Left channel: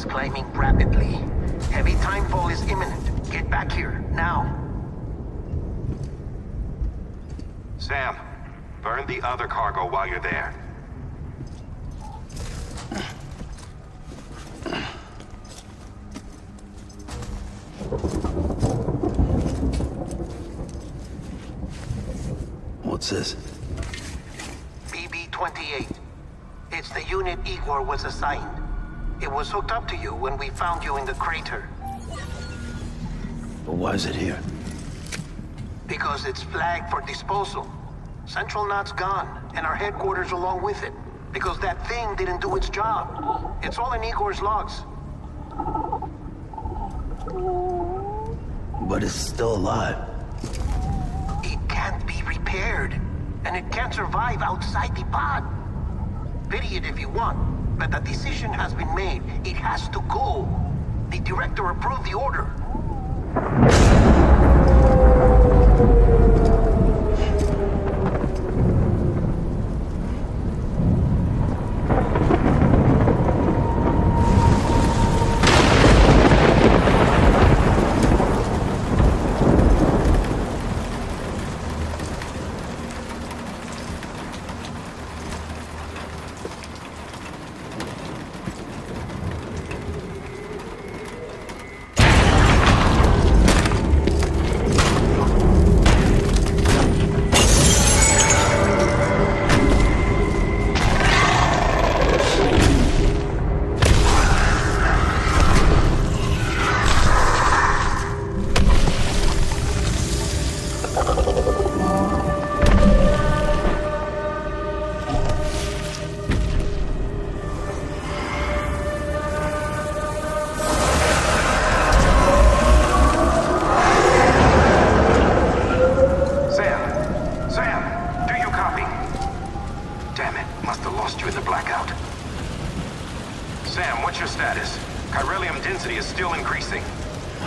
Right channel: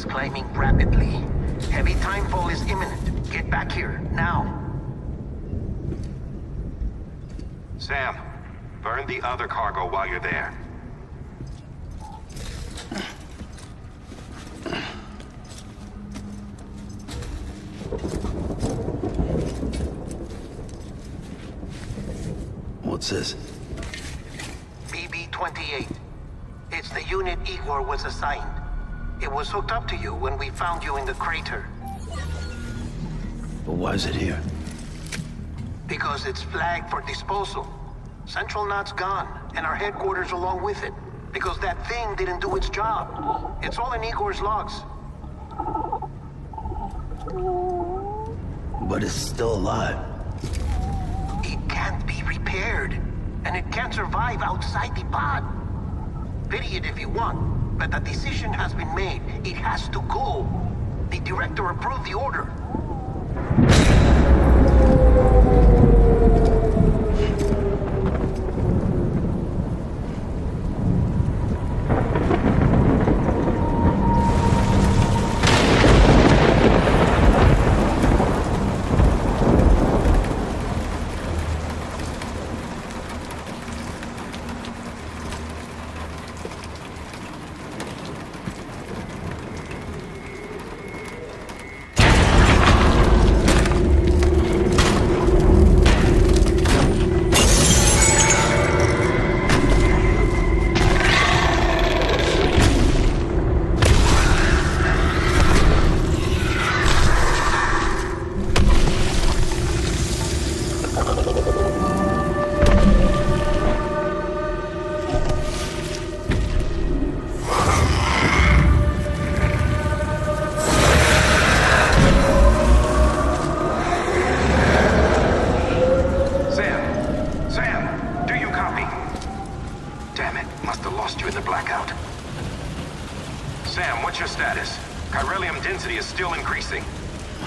is climbing rapidly. Heavy timefall is imminent. Get back here, now. Sam, burn the other cargo while you're there. What's this? BB-28. It's the unit Igor was assigned. It was hooked up to you when we found you in the crater. But why is it here? Because it's flagged for disposal. Central Knot's gone, and our headquarters along with it. Because that thing didn't do its job. It's all in Igor's logs. But it's still alive. It can't be repaired, and it can't survive outside the pod. Pity it if you want, but the decision has been made. It has to go. The director approved the order.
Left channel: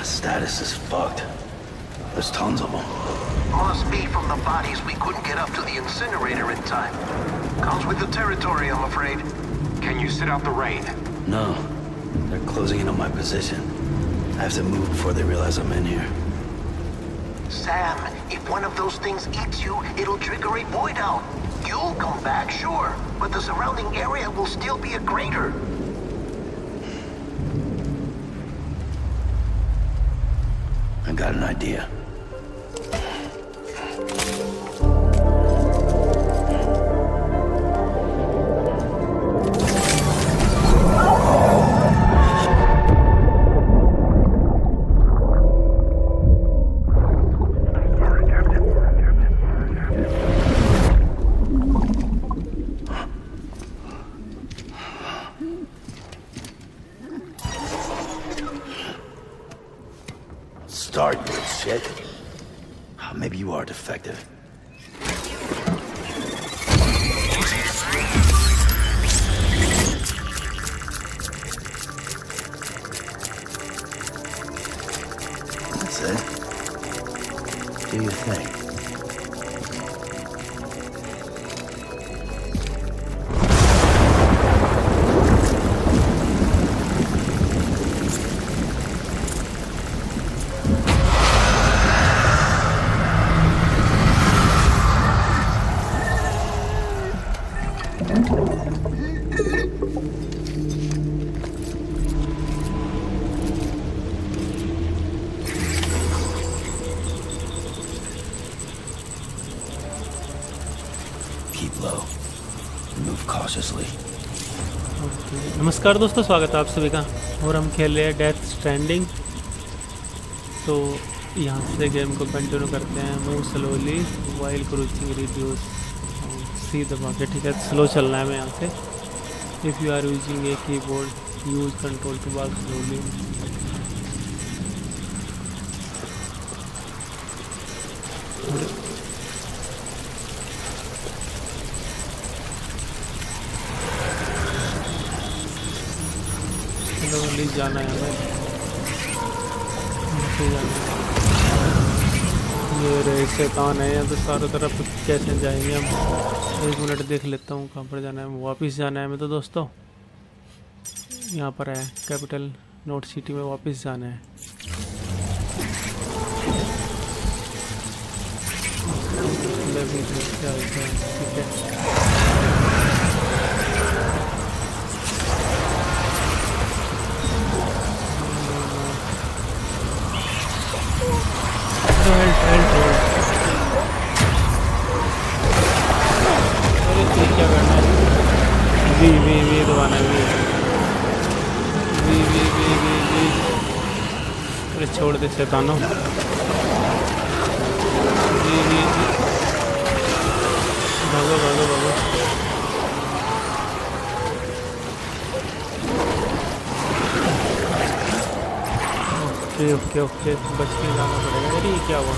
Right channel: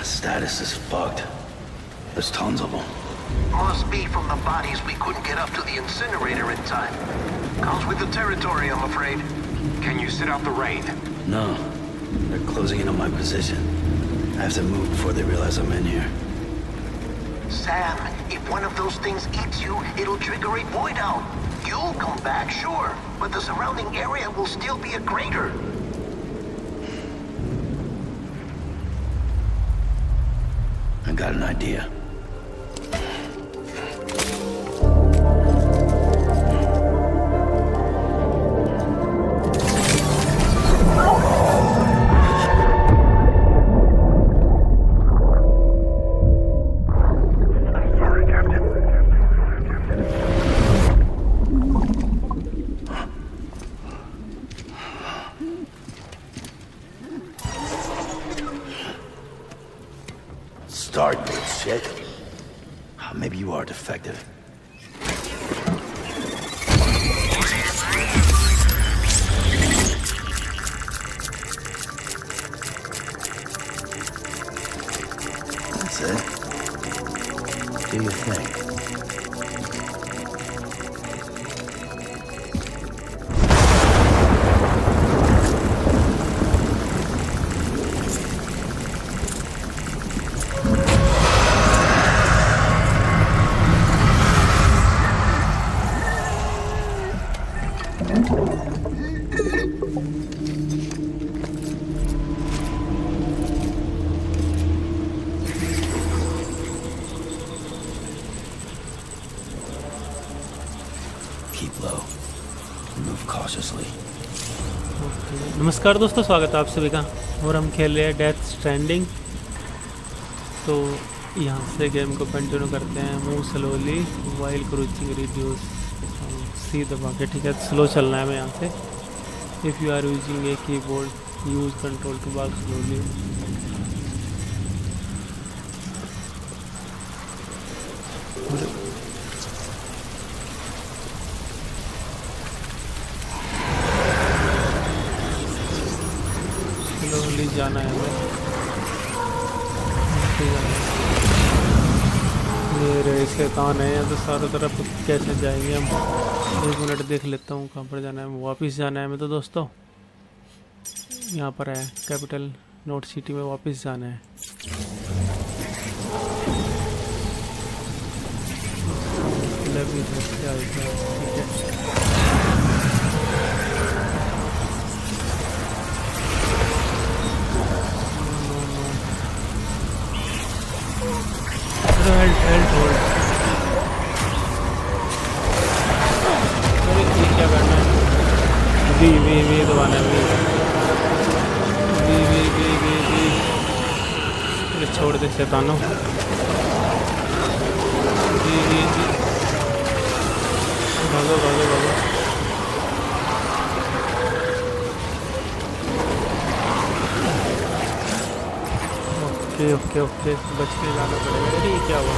Status is fucked. There's tons of them. Must be from the bodies we couldn't get up to the incinerator in time. Comes with the territory, I'm afraid. Can you sit out the rain? No. They're closing in on my position. I have to move before they realize I'm in here. Sam, if one of those things eats you, it'll trigger a void out. You'll come back, sure, but the surrounding area will still be a crater. I got an idea. Sorry, Captain. Start, you shit. Maybe you are defective. That's it. Do your thing. नमस्कार दोस्तों, स्वागत है आप सभी का। और हम खेल रहे हैं डेथ स्ट्रैंडिंग। तो यहाँ से गेम को कंटिन्यू करते हैं। मूव स्लोली वाइल क्रूचिंग रिड्यूस सी दबा के, ठीक है। स्लो चलना है हमें यहाँ से। If you are using a keyboard use control to walk slowly. Slowly जाना है हमें, जाना है। ये रे शैतान है यहाँ तो चारों तरफ, कैसे जाएंगे हम? एक मिनट देख लेता हूँ कहाँ पर जाना है। वापस जाना है हमें तो दोस्तों। यहाँ पर है कैपिटल नोट सिटी में वापस जाना है। मतलब इधर से आएगा, ठीक है। अरे ये क्या करना है? वी दबाना है, वी। अरे छोड़ दे शैतानों। वी भागो। ओके बच के जाना पड़ेगा। अरे ये क्या हुआ?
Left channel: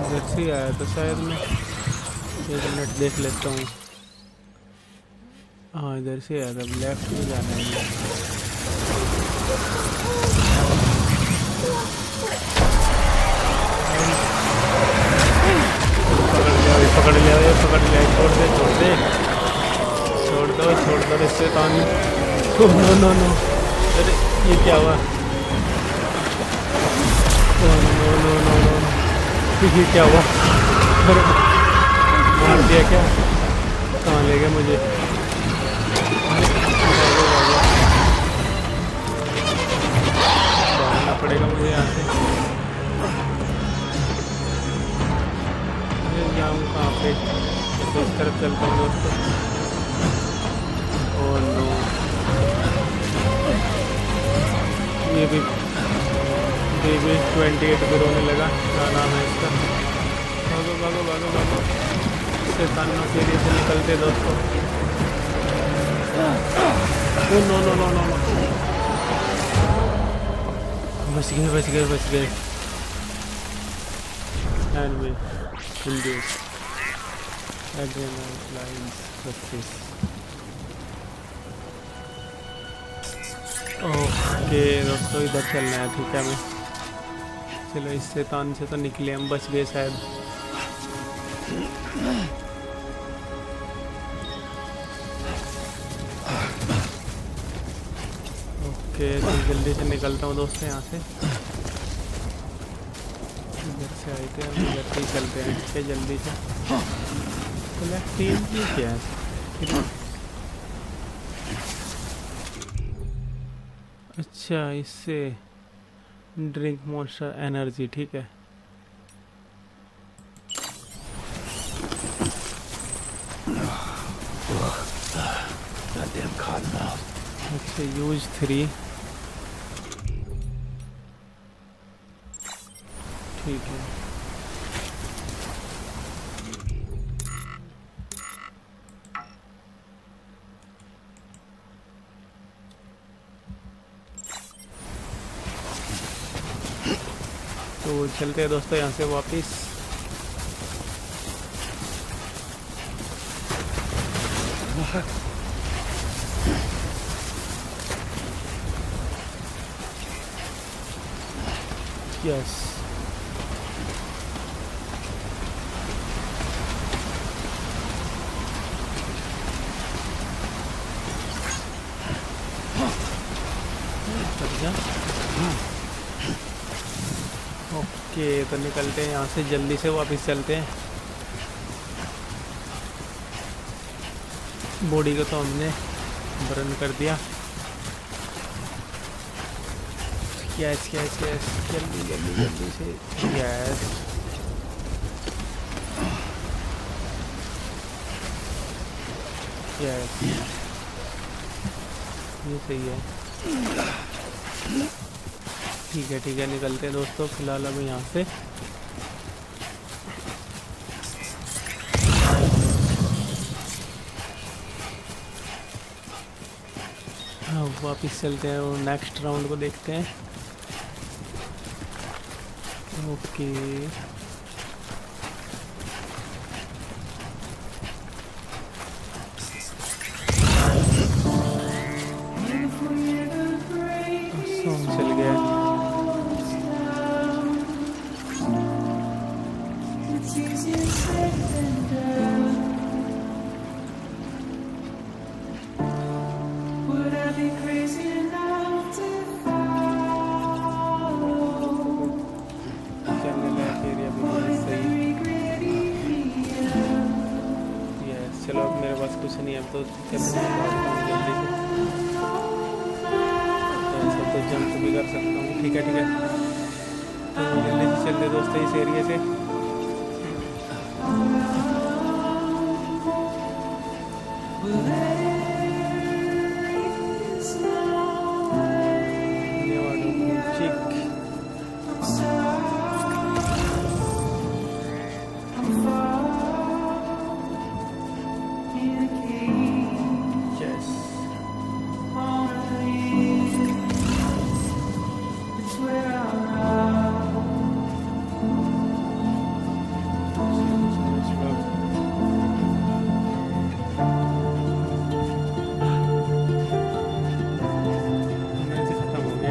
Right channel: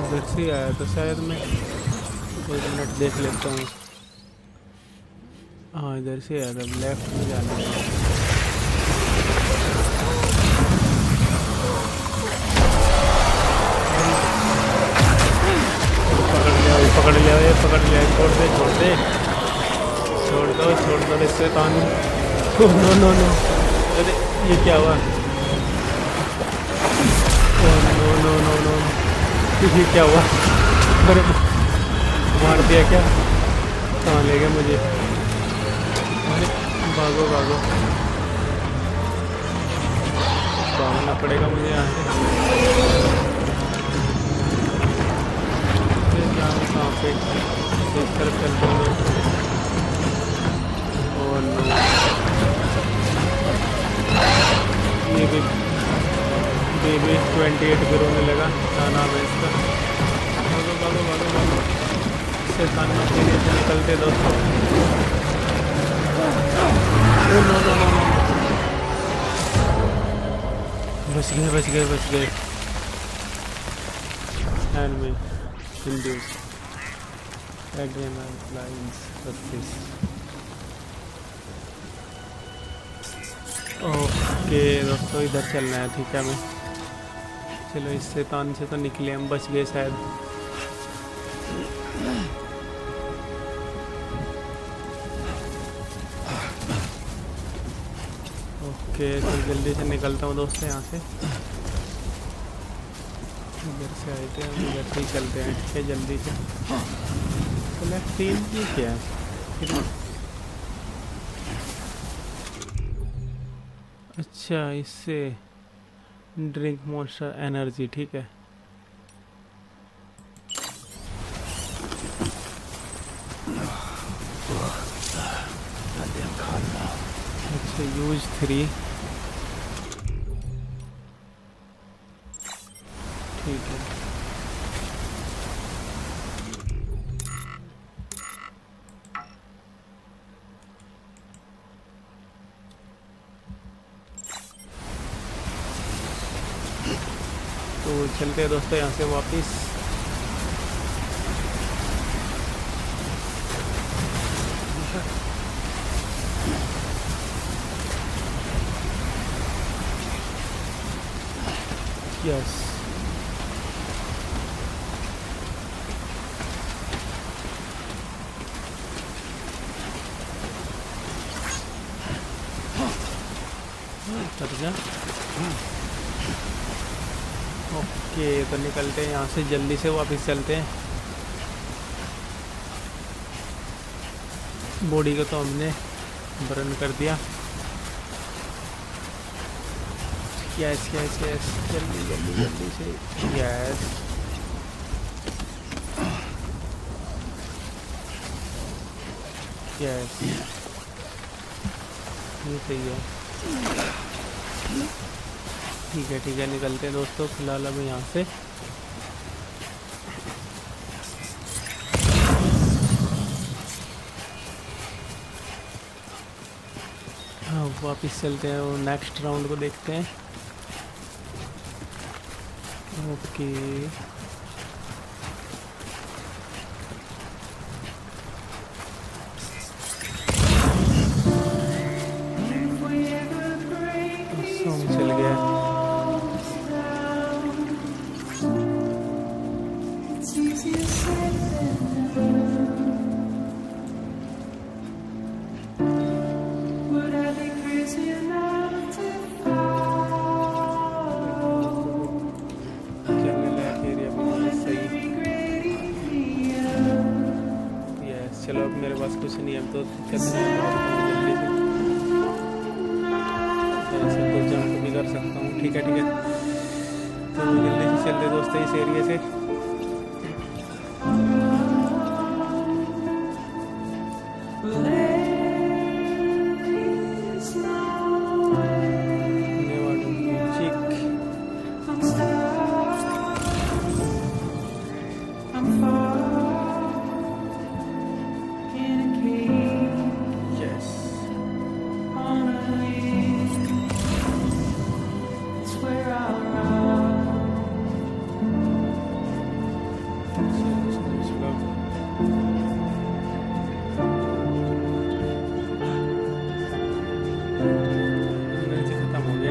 इधर से आया तो शायद मैं 1 मिनट देख लेता हूँ। हाँ इधर से आया था, लेफ्ट में जाना है। पकड़ लिया, छोड़ दे इससे तानी। नो। अरे ये क्या हुआ? नो। ये क्या हुआ? अरे मार दिया क्या? कहाँ ले गए मुझे? अरे भागो भागना पड़ेगा मुझे यहाँ से। जाऊँ कहाँ पे? इस तरफ चलता हूँ दोस्तों। ओह नो, ये भी बेबी 28 भी रोने लगा। क्या नाम है इसका? भागो शैतानों के लिए से निकलते दोस्तों। नो बच गए। एंड में induce adrenaline lines surface। Okay दोस्तों इधर चलना है, ठीक है। मैं चलो इस शैतान से तो निकले, हम बच गए शायद। ओके तो जल्दी से निकलता हूँ दोस्तों यहाँ से। इधर से आए थे हम, इधर से ही चलते हैं, ठीक है जल्दी से। तो लेफ्ट टीम ये क्या है? अच्छा इससे ड्रिंक मॉन्स्टर एनर्जी, ठीक है। अच्छा यूज 3, ठीक है। तो चलते हैं दोस्तों यहाँ से वापिस। यस ओके तो निकलते हैं यहाँ से, जल्दी से वापस चलते हैं। बॉडी को तो हमने बर्न कर दिया। यस जल्दी से यस। यस ये सही है, ठीक है निकलते हैं दोस्तों फिलहाल अब यहाँ से। वापिस चलते हैं और नेक्स्ट राउंड को देखते हैं। ओके सॉन्ग चल गया। चलो अब मेरे पास कुछ नहीं है, अब तो कहते हैं भागता हूँ जल्दी से। ऐसे तो जंप भी कर सकता हूँ। ठीक है तो जल्दी से चल दे दोस्तों इस एरिया से।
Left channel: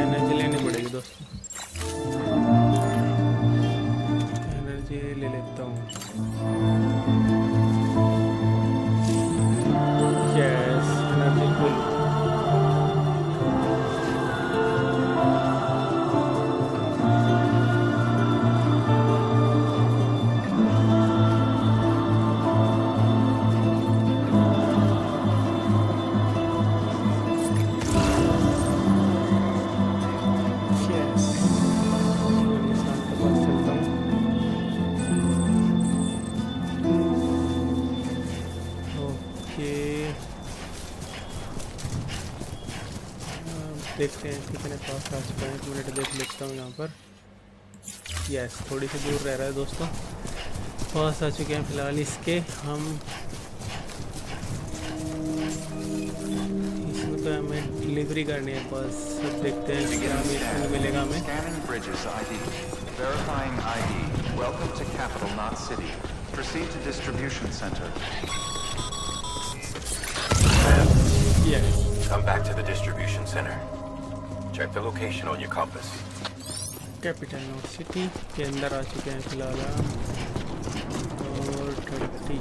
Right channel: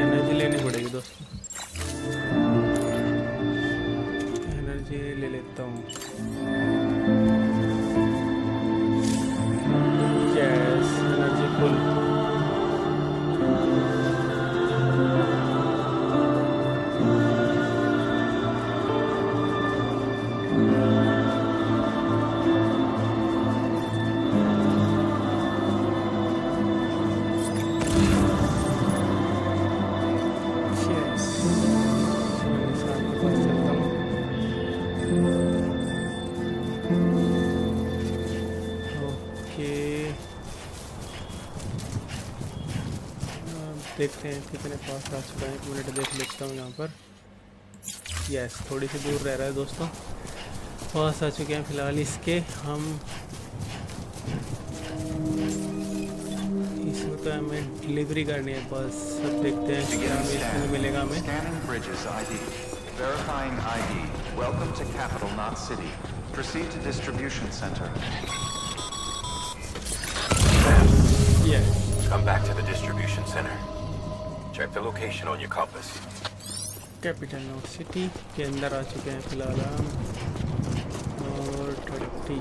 एनर्जी लेनी पड़ेगी दोस्तों, एनर्जी ले लेता हूँ। Yes, energy full. देखते हैं कितने पास आ चुका है। 1 मिनट देख लेता हूँ यहाँ पर। यस, थोड़ी सी दूर रह रहा है दोस्तों। पास आ चुके हैं फिलहाल इसके हम। इसमें तो हमें डिलीवरी करनी है बस। अब देखते हैं क्या इसमें मिलेगा हमें। Yes. Come back to the distribution center. Check the location on your compass. Capital not city के अंदर आ चुके हैं फिलहाल हम। और 30।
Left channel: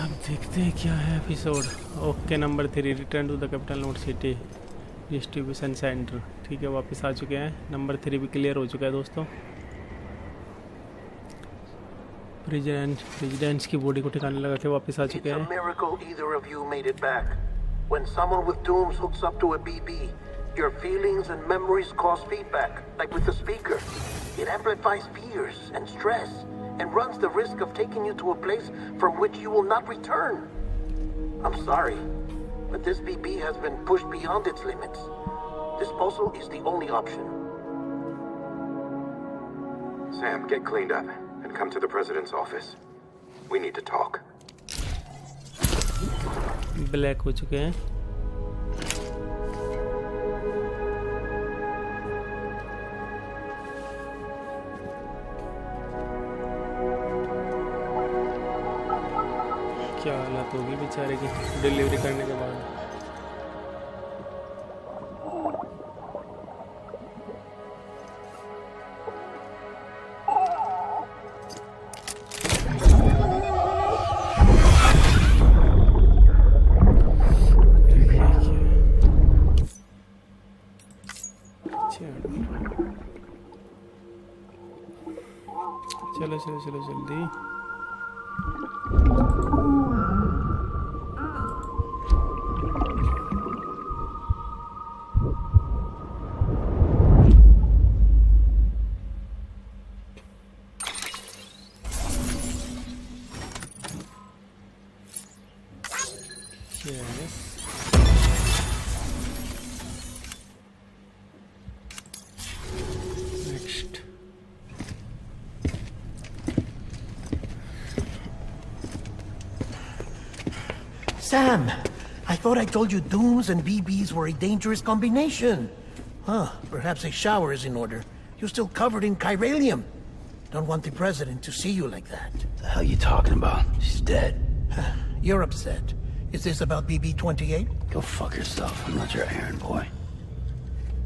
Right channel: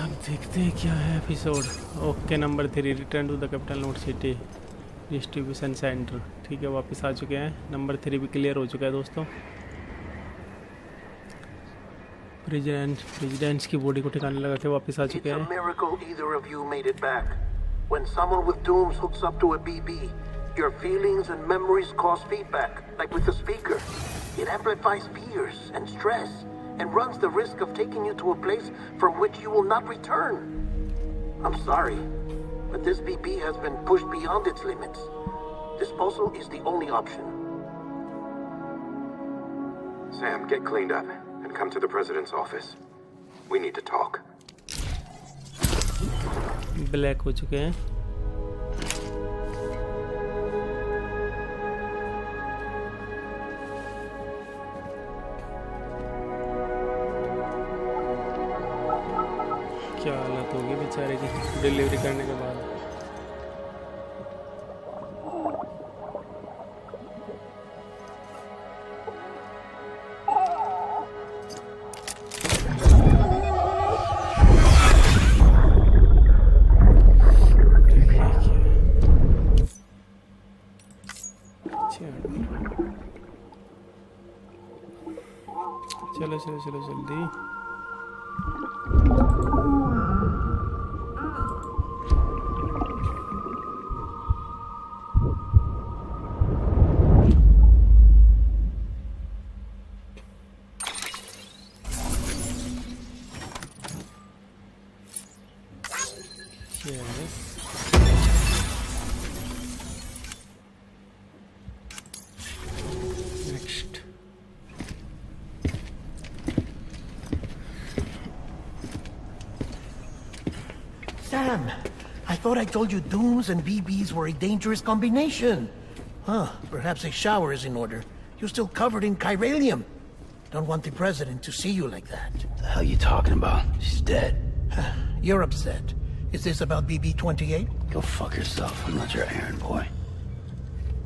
अब देखते हैं क्या है episode. Okay, number 3, return to the capital not city distribution centre. ठीक है, वापस आ चुके हैं। नंबर 3 भी क्लियर हो चुका है दोस्तों। प्रेसिडेंट्स की बॉडी को ठिकाने लगा के वापस आ चुके हैं। When someone with dooms hooks up to a BB, your feelings and memories cause feedback, like with the speaker. It amplifies fears and stress and runs the risk of taking you to a place from which you will not return. I'm sorry, but this BB has been pushed beyond its limits. Disposal is the only option. Sam, get cleaned up and come to the president's office. We need to talk. Black हो चुके हैं। क्या हालत होगी बेचारे की delivery करने के बाद। चलो जल्दी। Yes. Next. Sam, I thought I told you dooms and BBs were a dangerous combination. Huh, perhaps a shower is in order. You're still covered in chiralium. Don't want the president to see you like that. The hell you talking about? She's dead. You're upset. Is this about BB-28? Go fuck yourself. I'm not your errand boy.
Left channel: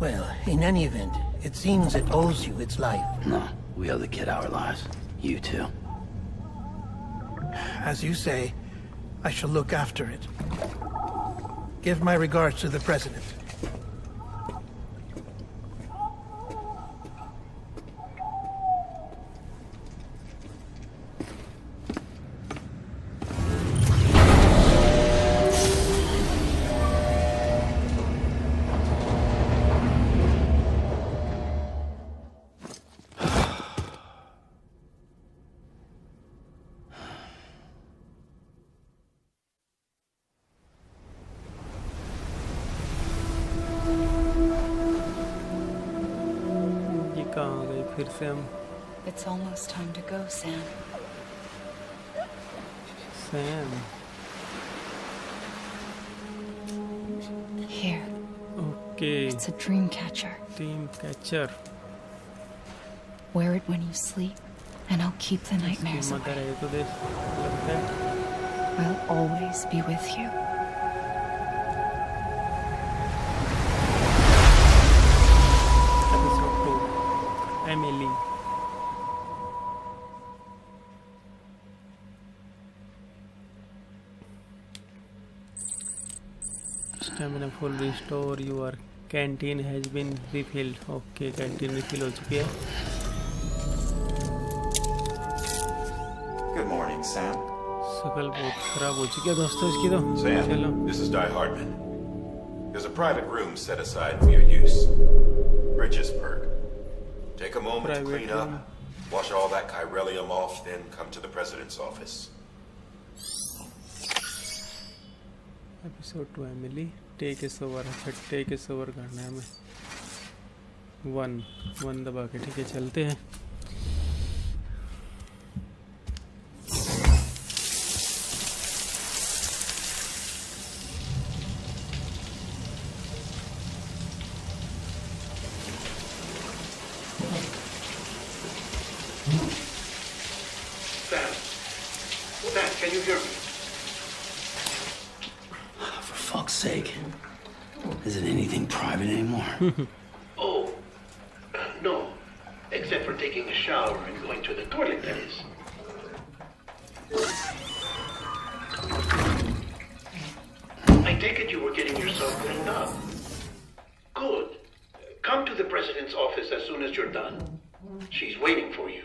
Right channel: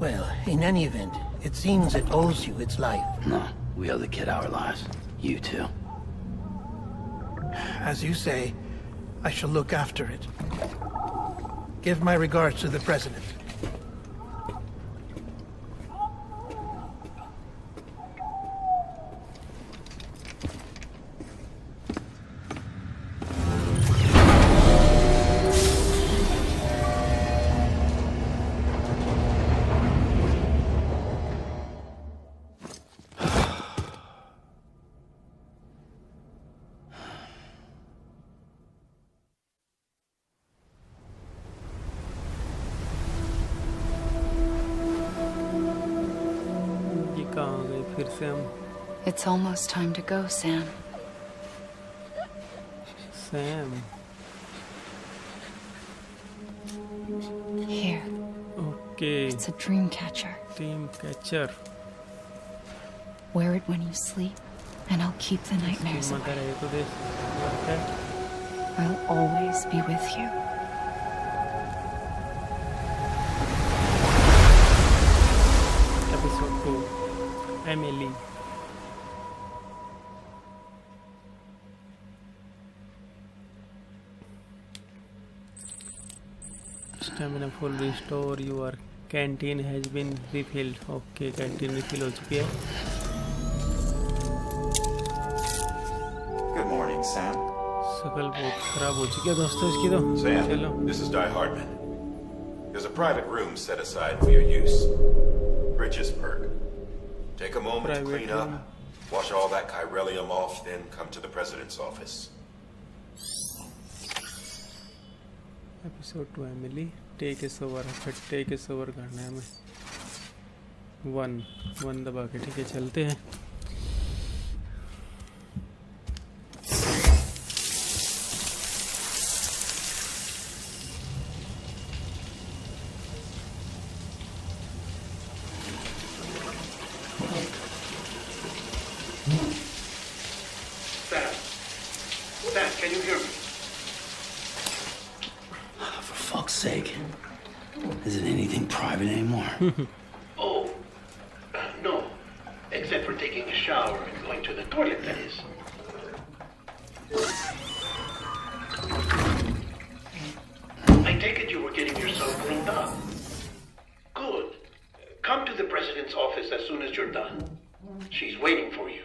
Well, in any event, it seems it owes you its life. No, we owe the kid our lives. You too. As you say, I shall look after it. Give my regards to the president. फिर से हम It's almost time to go, Sam. Sam Here, okay it's a dream catcher. Team catcher Wear it when you sleep, and I'll keep the nightmares कीमत away. है तो देख लगता है I'll always be with you. Episode 2 Emily stamina full restore your canteen has been refilled okay canteen refill हो चुकी है Good morning, Sam. शकल बहुत खराब हो चुकी है दोस्तों इसकी तो Sam, चलो this is Di Hardman. There's a private room set aside for your use. Bridges perk. Take a moment Private to clean room. up, wash all that chiralium off, then come to the president's office. Episode 2 Emily take is over अच्छा take is over करना है हमें one दबा के ठीक है चलते हैं Sam, can you hear me? For fuck's sake. Is it anything private anymore? Oh, no. Except for taking a shower and going to the toilet, that is. I take it you were getting yourself cleaned up. Good. Come to the president's office as soon as you're done. She's waiting for you.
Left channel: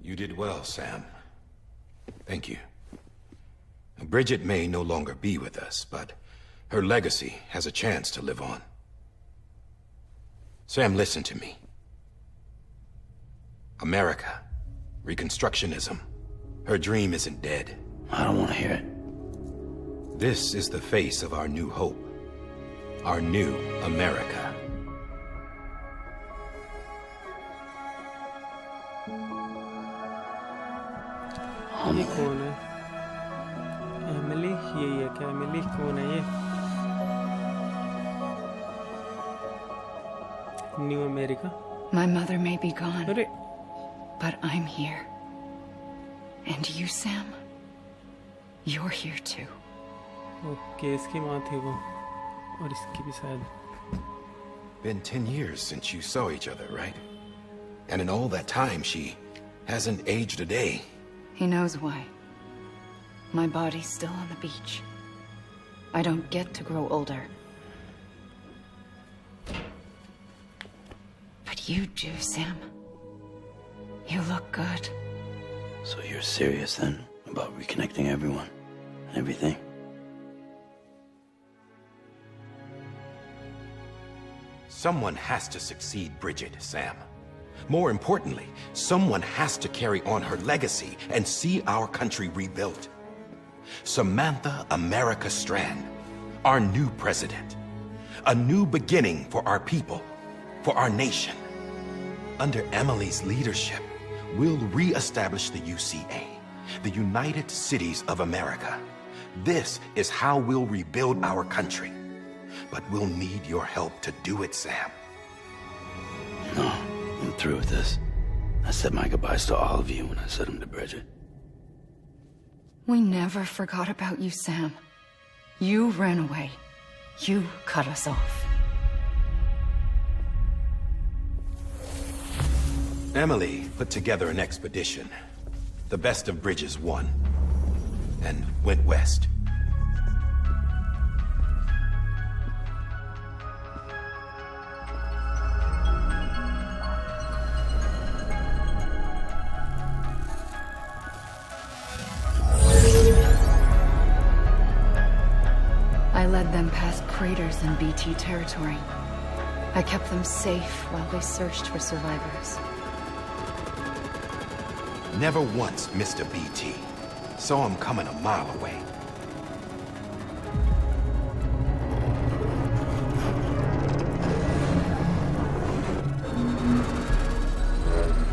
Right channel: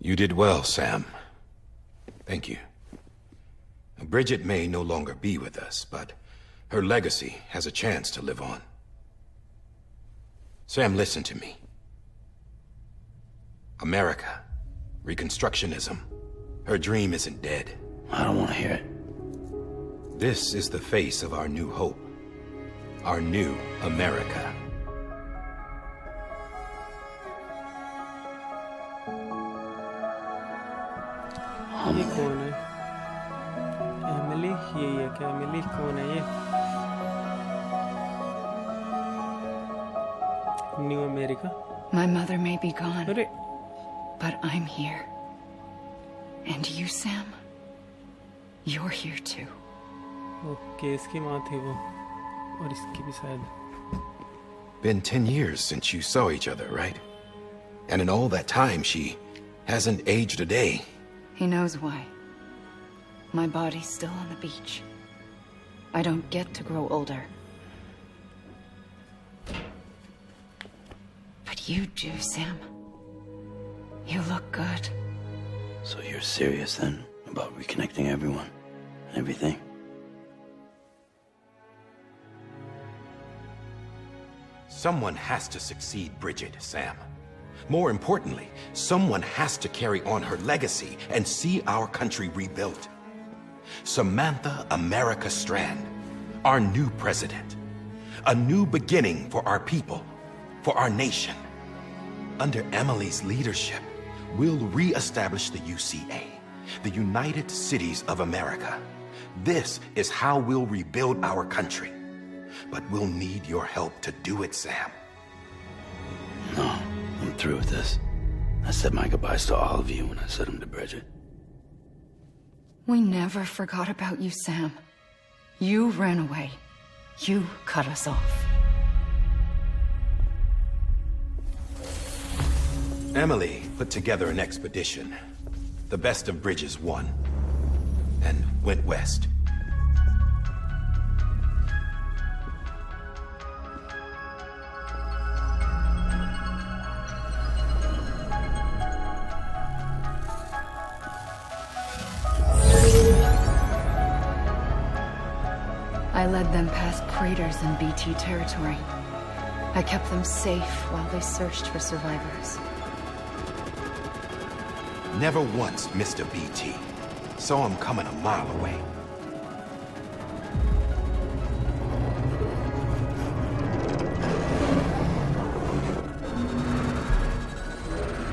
You did well, Sam. Thank you. Bridget may no longer be with us, but her legacy has a chance to live on. Sam, listen to me. America, Reconstructionism, her dream isn't dead. I don't want to hear it. This is the face of our new hope. Our new America. ये कौन है Emily यही है क्या Emily कौन है ये new America My mother may be gone, अरे but I'm here. And you, Sam? You're here too. Okay इसकी माँ थी वो और इसकी भी शायद Been 10 years since you saw each other, right? And in all that time, she hasn't aged a day. He knows why. My body's still on the beach. I don't get to grow older. But you do, Sam. You look good. So you're serious then about reconnecting everyone and everything? Someone has to succeed Bridget, Sam. More importantly, someone has to carry on her legacy and see our country rebuilt. Samantha America Strand, our new president. A new beginning for our people, for our nation. Under Emily's leadership, we'll re-establish the UCA, the United Cities of America. This is how we'll rebuild our country. But we'll need your help to do it, Sam. No, I'm through with this. I said my goodbyes to all of you when I said them to Bridget. We never forgot about you, Sam. You ran away. You cut us off. Emily put together an expedition. The best of Bridges won. And went west. I led them past craters in BT territory. I kept them safe while they searched for survivors. Never once missed a BT. Saw him coming a mile away.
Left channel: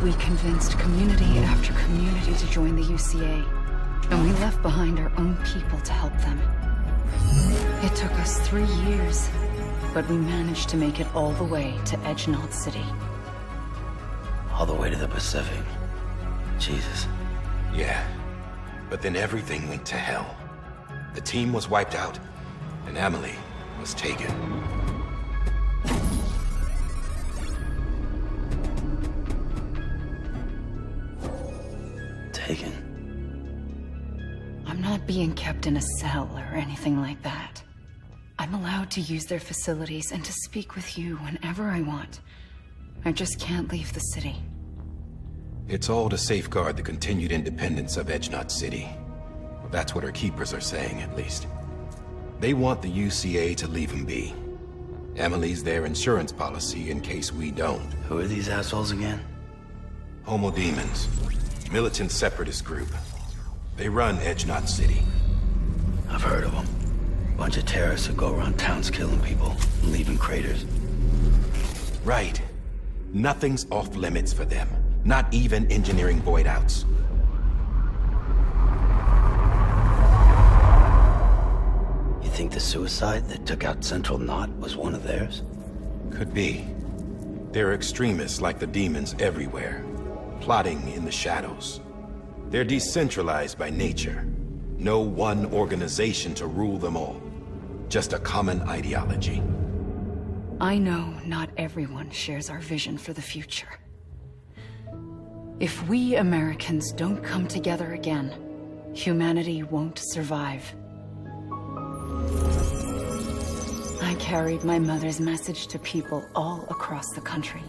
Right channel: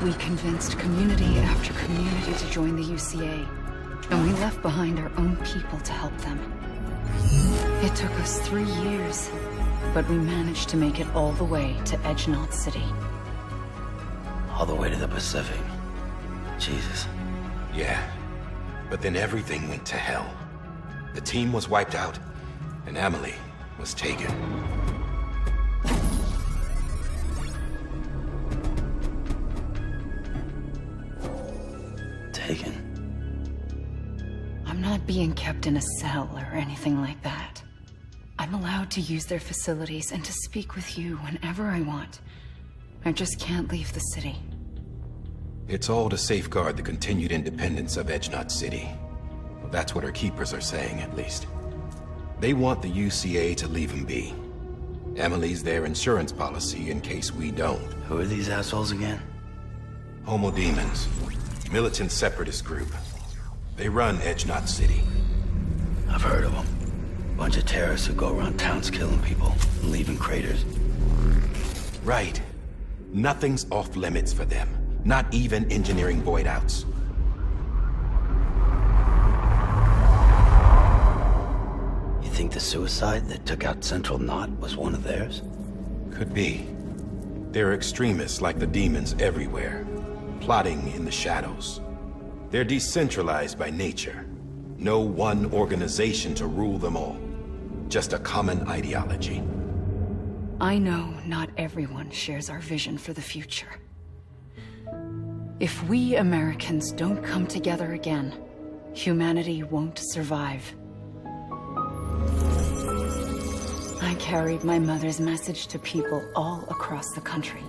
We convinced community after community to join the UCA, and we left behind our own people to help them. It took us 3 years, but we managed to make it all the way to Edgenot City. All the way to the Pacific. Jesus. Yeah, but then everything went to hell. The team was wiped out, and Emily was taken. Taken? I'm not being kept in a cell or anything like that. I'm allowed to use their facilities and to speak with you whenever I want. I just can't leave the city. It's all to safeguard the continued independence of Edgenot City. Well, that's what our keepers are saying, at least. They want the UCA to leave him be. Emily's their insurance policy in case we don't. Who are these assholes again? Homo Demons. Militant separatist group. They run Edgenot City. I've heard of them. Bunch of terrorists who go around towns killing people and leaving craters. Right. Nothing's off limits for them. Not even engineering void outs. You think the suicide that took out Central Knot was one of theirs? Could be. There are extremists like the demons everywhere, plotting in the shadows. They're decentralized by nature. No one organization to rule them all. Just a common ideology. I know not everyone shares our vision for the future. If we Americans don't come together again, humanity won't survive. I carried my mother's message to people all across the country.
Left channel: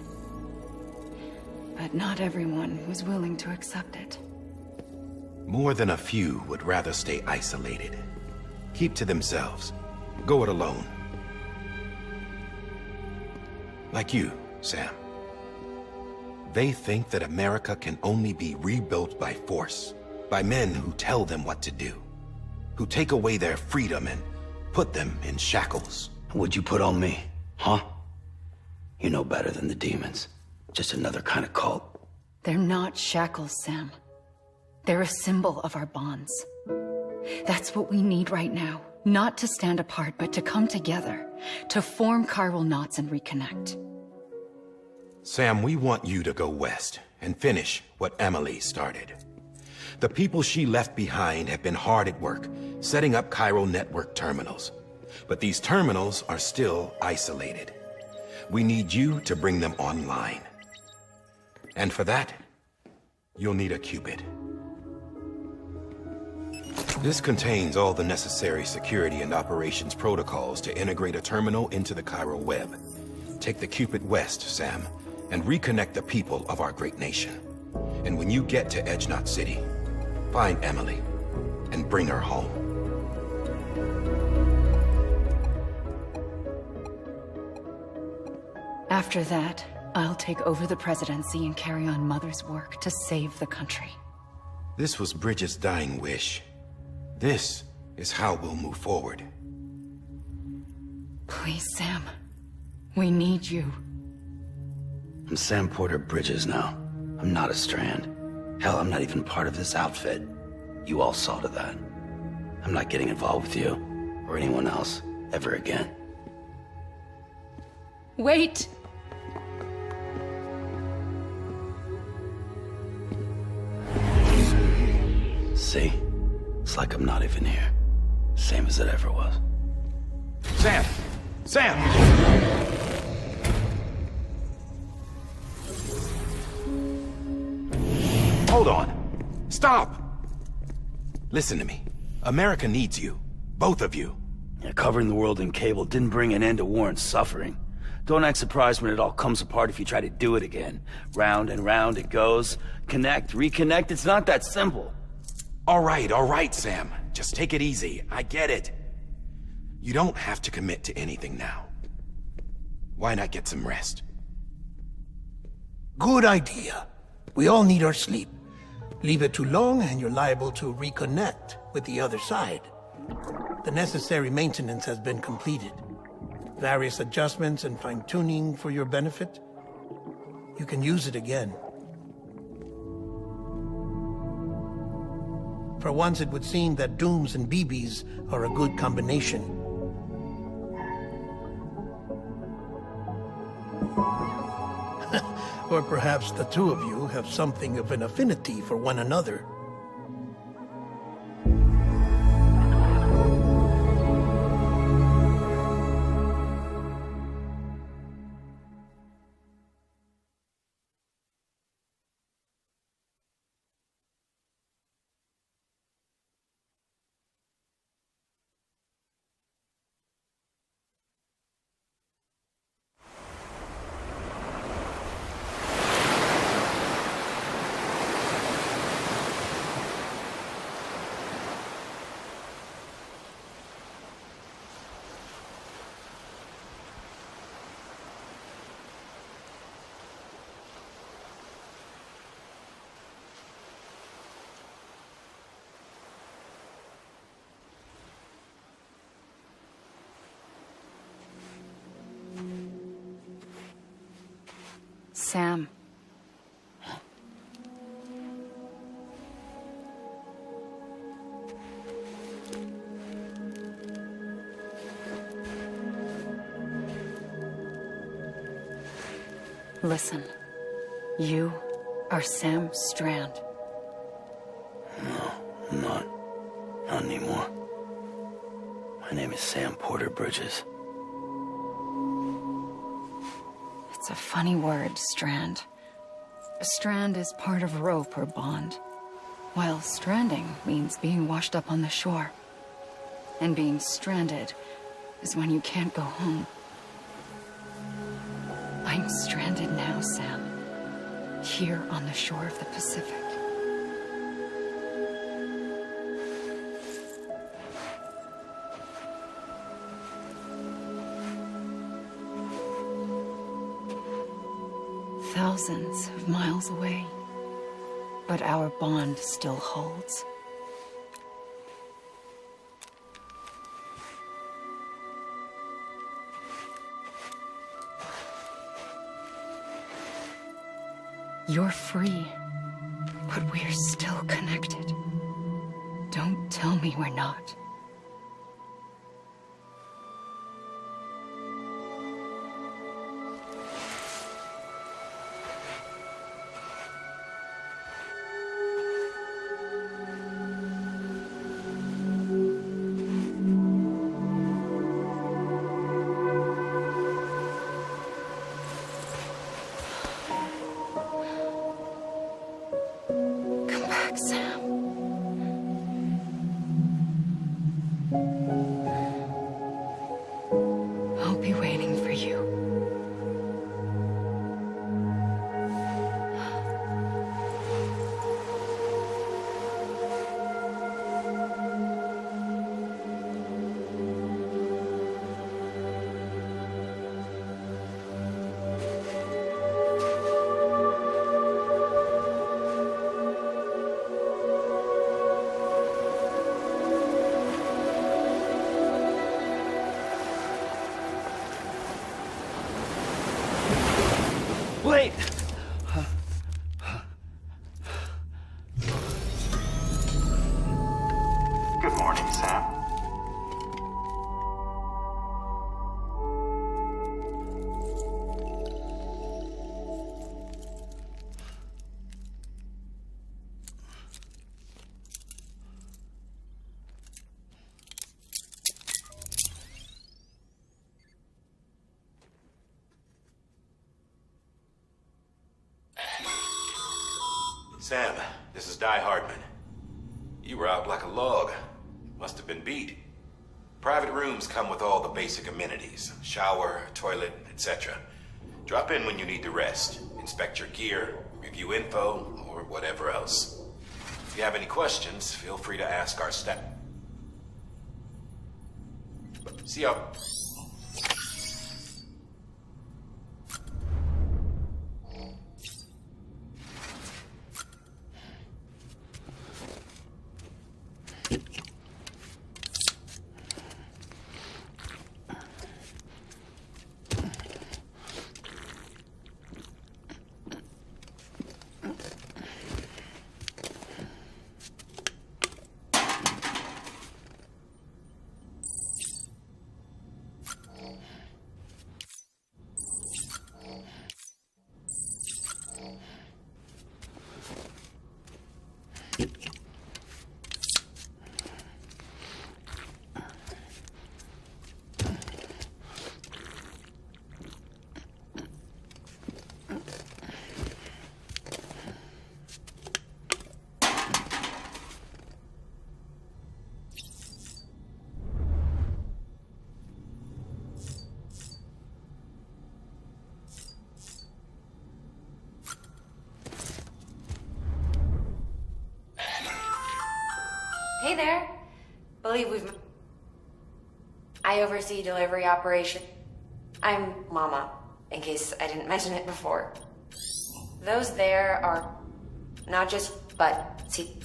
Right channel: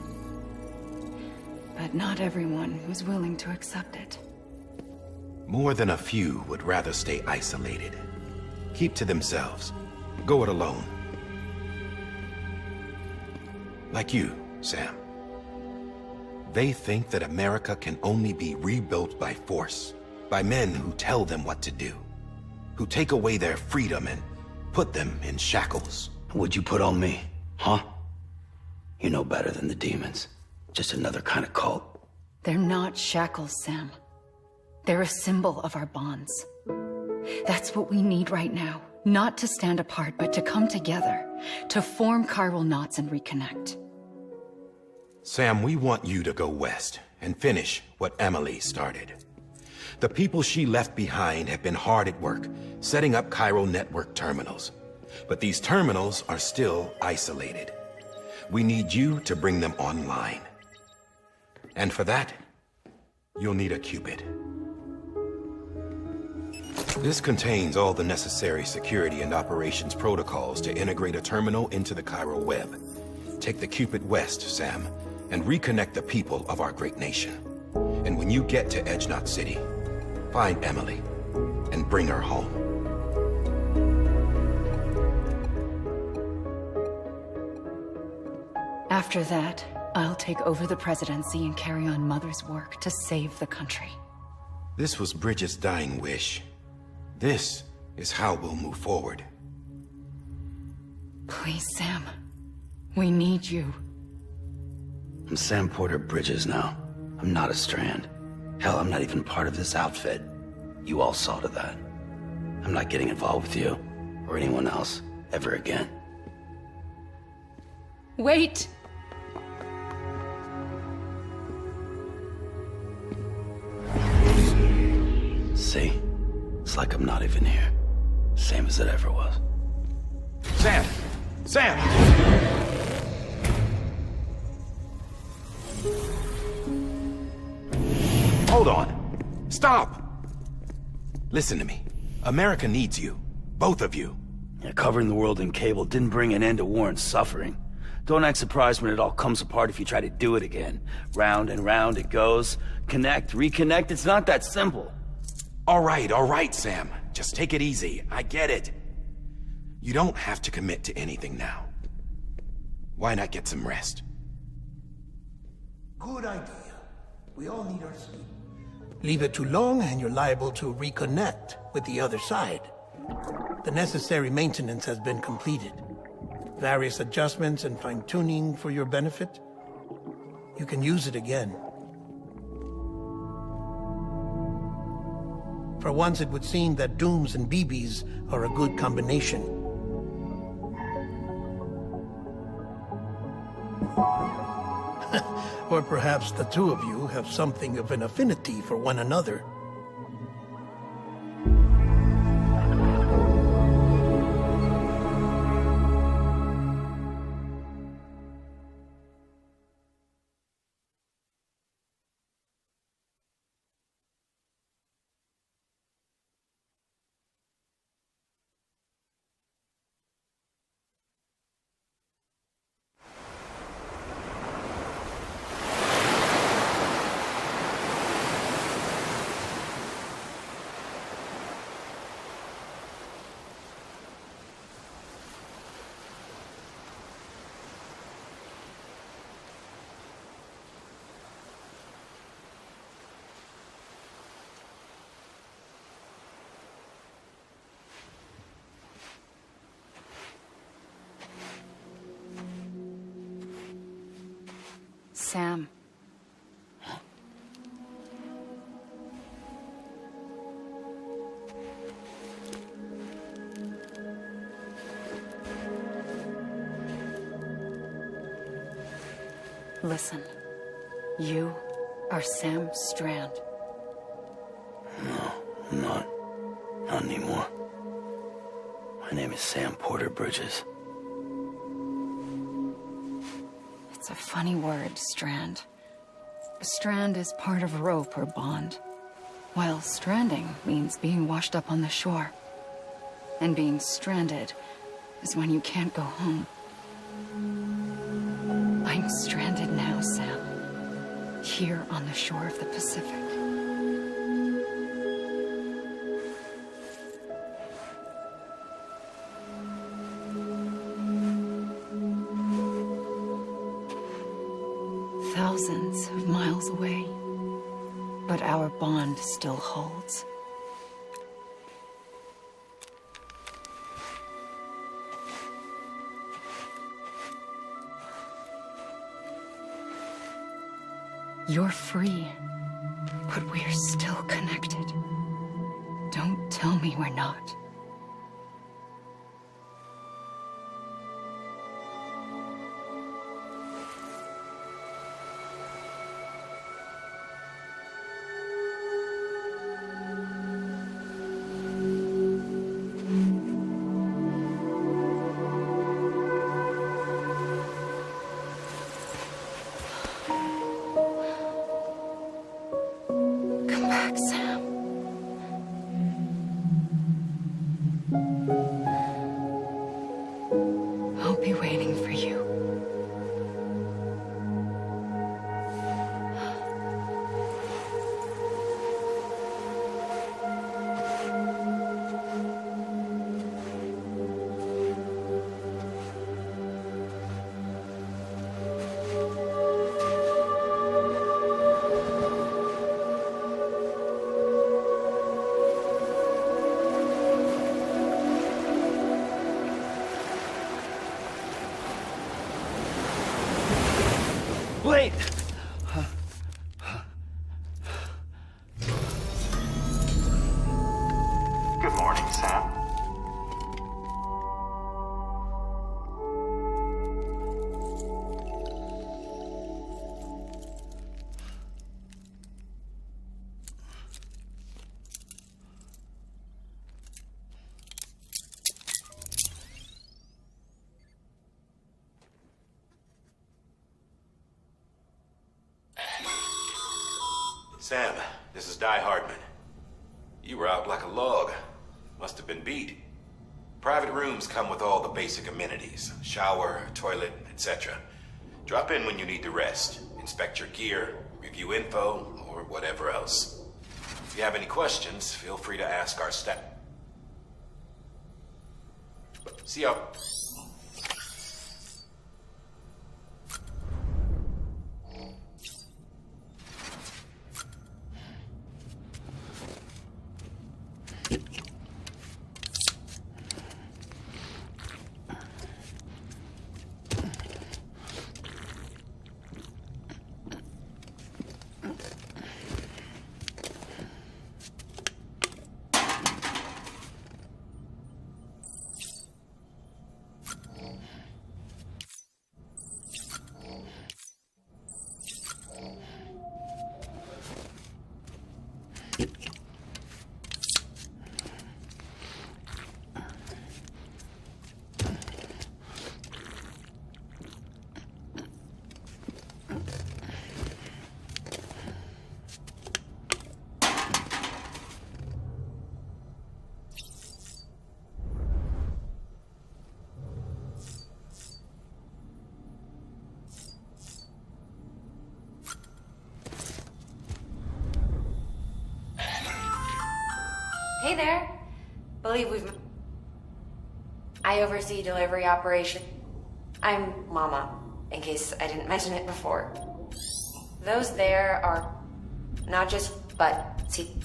But not everyone was willing to accept it. More than a few would rather stay isolated. Keep to themselves. Go it alone. Like you, Sam. They think that America can only be rebuilt by force, by men who tell them what to do, who take away their freedom and put them in shackles. What'd you put on me, huh? You know better than the demons. Just another kind of cult. They're not shackles, Sam. They're a symbol of our bonds. That's what we need right now. Not to stand apart, but to come together, to form chiral knots and reconnect. Sam, we want you to go west and finish what Emily started. The people she left behind have been hard at work, setting up chiral network terminals. But these terminals are still isolated. We need you to bring them online. And for that, you'll need a Cupid. This contains all the necessary security and operations protocols to integrate a terminal into the chiral web. Take the Cupid west, Sam, and reconnect the people of our great nation. And when you get to Edgenot City, find Emily and bring her home. After that, I'll take over the presidency and carry on Mother's work to save the country. This was Bridget's dying wish. This is how we'll move forward. Please, Sam. We need you. I'm Sam Porter Bridges now. I'm not a Strand. Hell, I'm not even part of this outfit. You all saw to that. I'm not getting involved with you, or anyone else, ever again. Wait! See? It's like I'm not even here. Same as it ever was. Sam! Sam! Hold on. Stop! Listen to me. America needs you. Both of you. Yeah, covering the world in cable didn't bring an end to war and suffering. Don't act surprised when it all comes apart if you try to do it again. Round and round it goes. Connect, reconnect, it's not that simple. All right, Sam. Just take it easy. I get it. You don't have to commit to anything now. Why not get some rest? Good idea. We all need our sleep. Leave it too long and you're liable to reconnect with the other side. The necessary maintenance has been completed. Various adjustments and fine-tuning for your benefit. You can use it again. For once, it would seem that Dooms and BBs are a good combination. Or perhaps the two of you have something of an affinity for one another. Sam. Listen. You are Sam Strand. No, I'm not. Not anymore. My name is Sam Porter Bridges. It's a funny word, strand. A strand is part of rope or bond, while stranding means being washed up on the shore. And being stranded is when you can't go home. I'm stranded now, Sam. Here on the shore of the Pacific. Thousands of miles away, but our bond still holds. You're free, but we're still connected. Don't tell me we're not. Come back, Sam. I'll be waiting for you. Wait! Good morning, Sam. Sam, this is Di Hardman. You were out like a log. Must have been beat. Private rooms come with all the basic amenities. Shower, toilet, etc. Drop in when you need to rest. Inspect your gear, review info, or whatever else. If you have any questions, feel free to ask our staff. See ya. Hey there. I oversee delivery operation. I'm Mama, in case I didn't mention it before. Those there are not just, but see.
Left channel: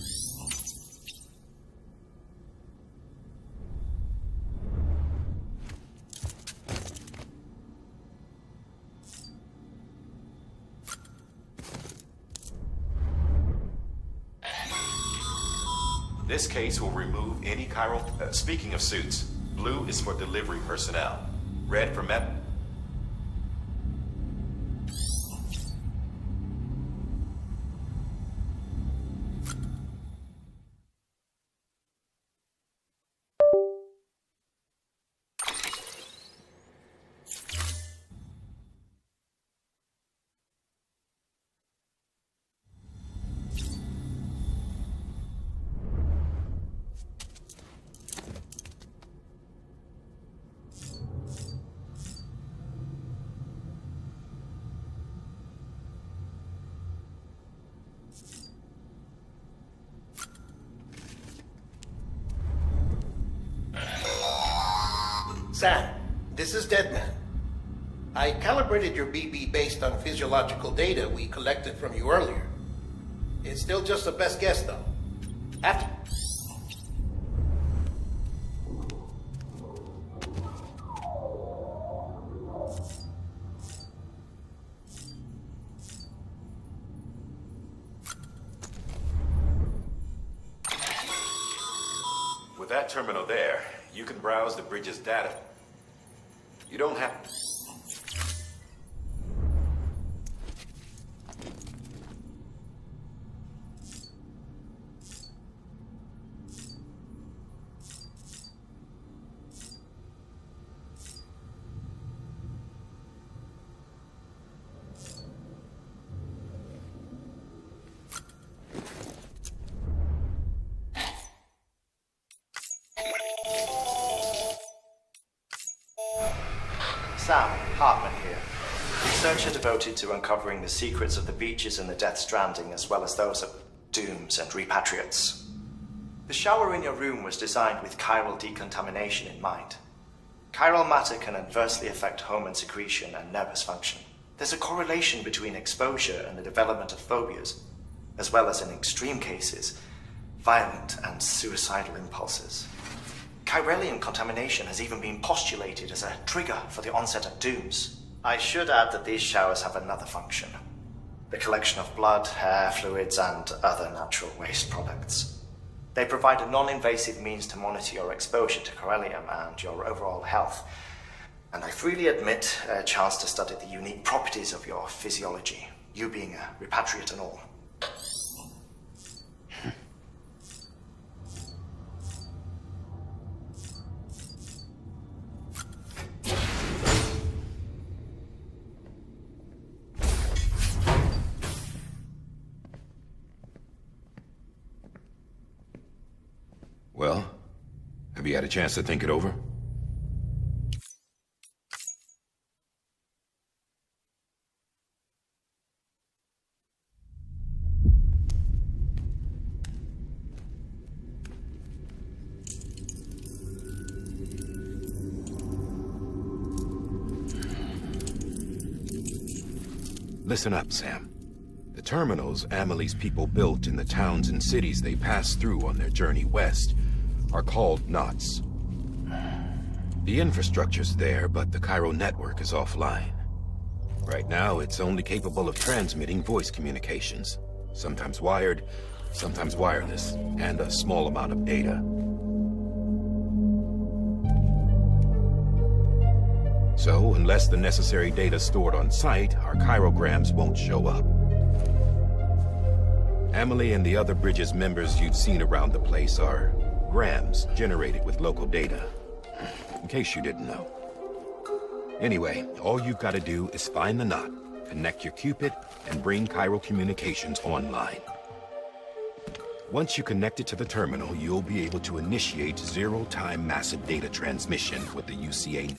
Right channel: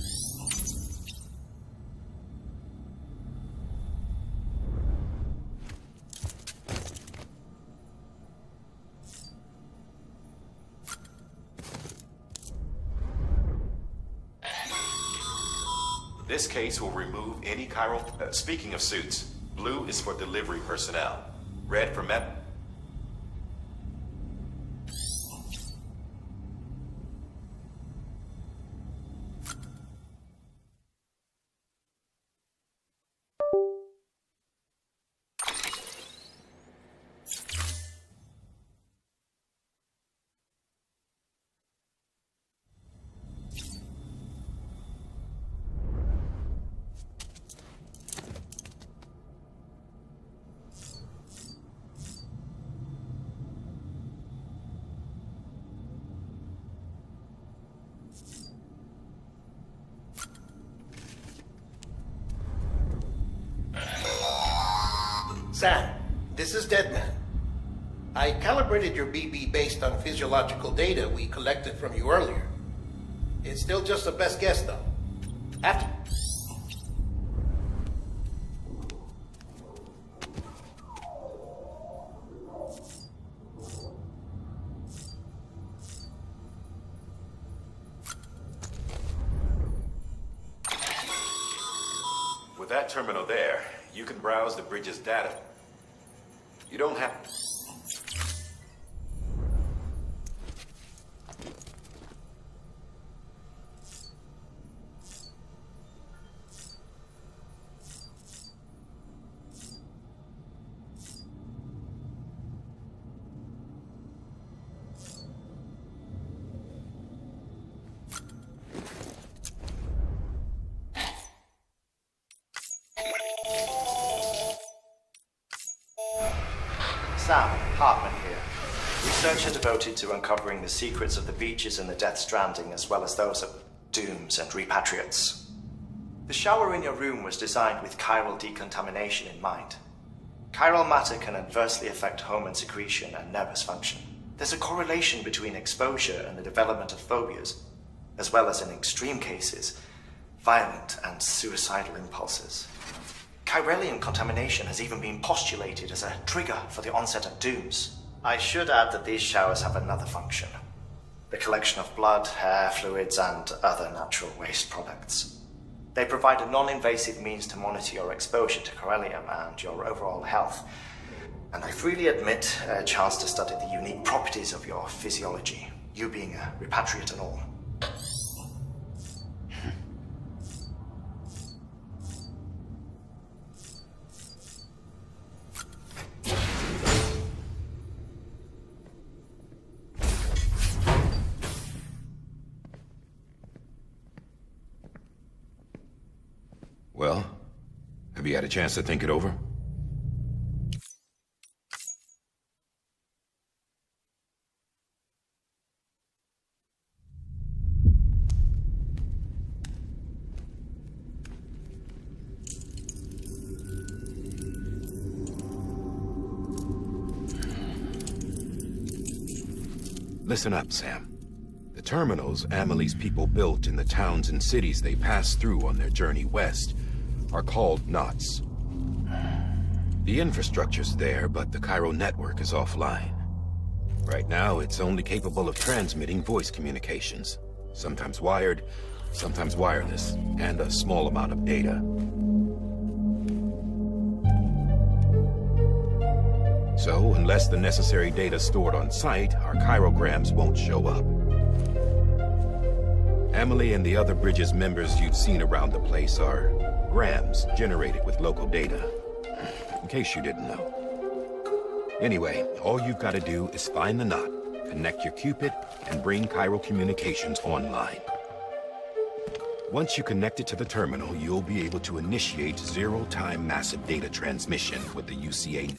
This case will remove any chiral... speaking of suits, blue is for delivery personnel. Red for med... Sam, this is Deadman. I calibrated your BB based on physiological data we collected from you earlier. It's still just a best guess, though. After... With that terminal there, you can browse the bridge's data. You don't have... Sam, Hartman here. Researcher devoted to uncovering the secrets of the beaches in the Death Stranding, as well as those of dooms and repatriates. The shower in your room was designed with chiral decontamination in mind. Chiral matter can adversely affect hormone secretion and nervous function. There's a correlation between exposure and the development of phobias, as well as in extreme cases, violent and suicidal impulses. Chiralium contamination has even been postulated as a trigger for the onset of dooms. I should add that these showers have another function: the collection of blood, hair, fluids, and other natural waste products. They provide a non-invasive means to monitor your exposure to chiralium and your overall health, and I freely admit a chance to study the unique properties of your physiology, you being a repatriate and all. Well, have you had a chance to think it over? Listen up, Sam. The terminals Amelie's people built in the towns and cities they passed through on their journey west are called knots. The infrastructure's there, but the Cairo network is offline. Right now, it's only capable of transmitting voice communications. Sometimes wired, sometimes wireless, and a small amount of data. So, unless the necessary data stored on site, our chirograms won't show up. Amelie and the other Bridges members you've seen around the place are grams generated with local data. In case you didn't know. Anyway, all you've got to do is find the knot, connect your Cupid, and bring Cairo communications online. Once you connect it to the terminal, you'll be able to initiate zero-time massive data transmission with the UCA